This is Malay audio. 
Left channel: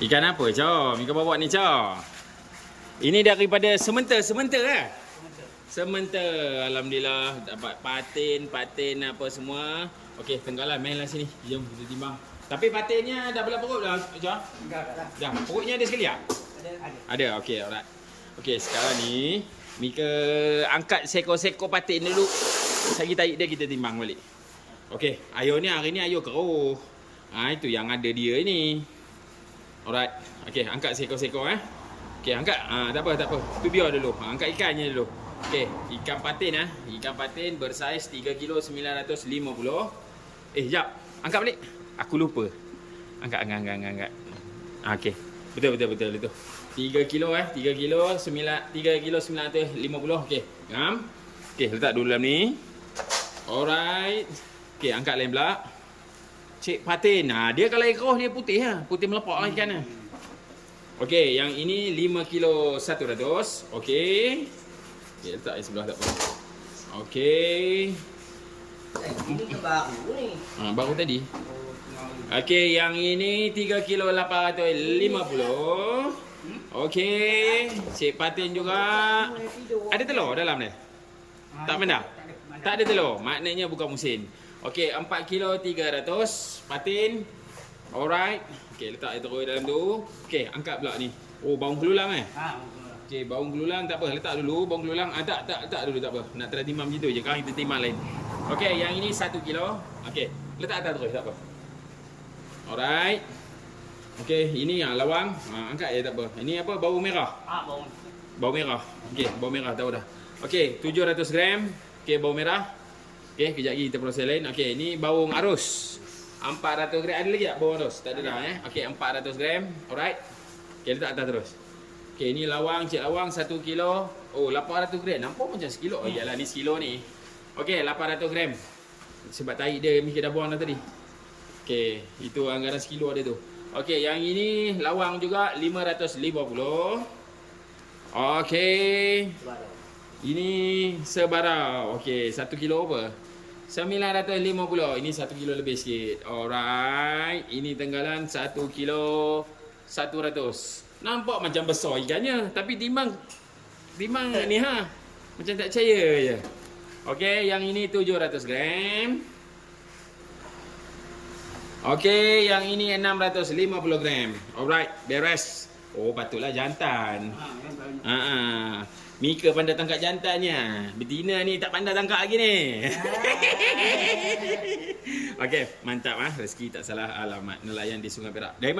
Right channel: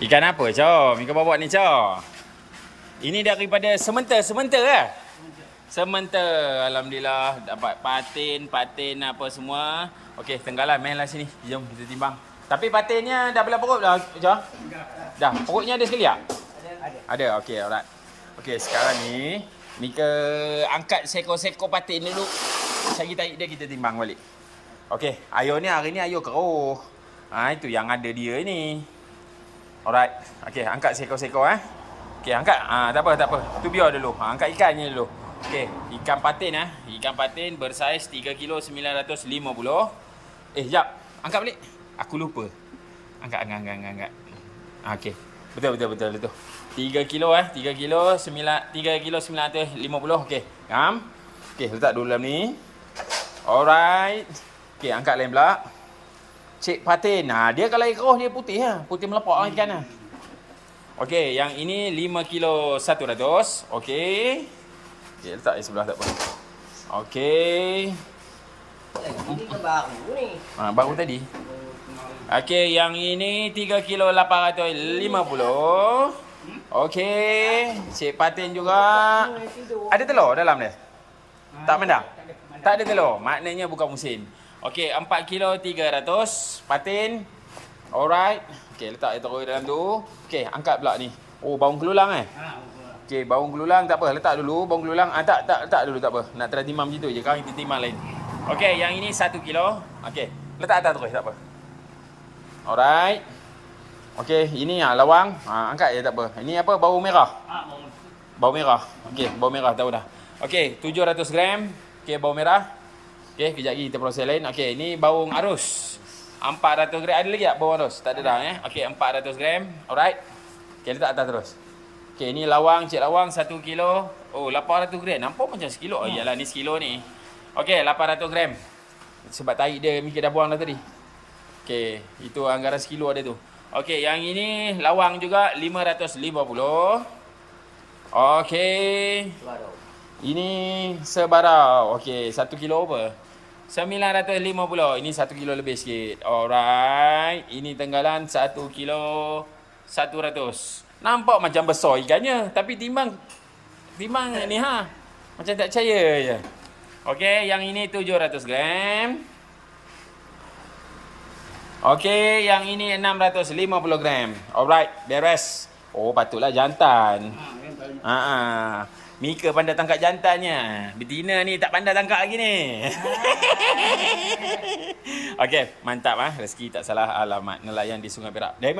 Ikan apa, Cok? Mika bawa ni, Cok. Ini daripada sementa lah. Sementa. Alhamdulillah dapat patin apa semua. Okey, tenggalan main lah sini. Jom kita timbang. Tapi patinnya dah belah perut dah, Cok? Dah. Perutnya ada sekali tak? Ada. Okey, alright. Okey, sekarang ni Mika angkat seekor-seekor patin dulu. Sagi tarik dia kita timbang balik. Okey, air ni hari ni air keruh. Itu yang ada dia ni. Alright. Okey, angkat seekor-seekor Okey, angkat. Tak apa. Tu biar dulu. Angkat ikannya dulu. Okey, ikan patin Ikan patin bersaiz 3 kilo 950. Jap. Angkat balik. Aku lupa. Angkat. Okey. Betul itu. 3 kilo 3 kilo 950. Okey. Ngam. Okey, letak dulu dalam ni. Alright. Okey, angkat lain pula. Cik patin. Dia kalau keruh dia putih Putih melepak ikan Okey, yang ini 5 kilo 100. Okey. Okey, letak di sebelah tak apa. Okey. Ini kan baru ni. Baru tadi. Okey, yang ini 3 kilo 850. Okey. Cik patin juga. Ada telur dalam dia? Tak mana? Tak ada telur. Maknanya bukan musim. Okey, 4 kilo 300 patin. Alright. Okey, letak dia terus dalam tu. Okey, angkat pula ni. Oh, baung kelulang Okey, baung kelulang tak apa. Letak dulu baung kelulang. Tak dulu tak apa. Nak try timbang macam tu je. Sekarang kita timbang lain. Okey, yang ini 1 kilo. Okey, letak atas terus tak apa. Alright. Okey, ini lawang. Angkat je tak apa. Ini apa? Bau merah. Bau merah. Okey, bau merah tahu dah. Okey, 700 gram. Okey, bau merah. Okey, kejap lagi kita proses lain. Okey, ini bawang arus. 400 gram. Ada lagi tak bawang arus? Tak ada dah Okey, 400 gram. Alright. Okey, letak atas terus. Okey, ini lawang, cik lawang 1 kilo. Oh, 800 gram. Nampak macam sekilo. Iyalah, ni sekilo ni. Okey, 800 gram. Sebab tarik dia Mika dah buang dah tadi. Okey, itu anggaran sekilo ada tu. Okey, yang ini lawang juga 550. Okey. Ini sebarau. Okey, 1 kilo apa? 950. Ini 1 kilo lebih sikit. Alright. Ini tenggalan 1 kilo 100. Nampak macam besar ikannya. Tapi timbang ni macam tak percaya je. Okey, yang ini 700 gram. Okey, yang ini 650 gram. Alright, beres. Oh, patutlah jantan. Mika pandai tangkap jantannya. Betina ni tak pandai tangkap lagi ni. Okey, mantap Rezeki tak salah alamat. Nelayan di Sungai Perak.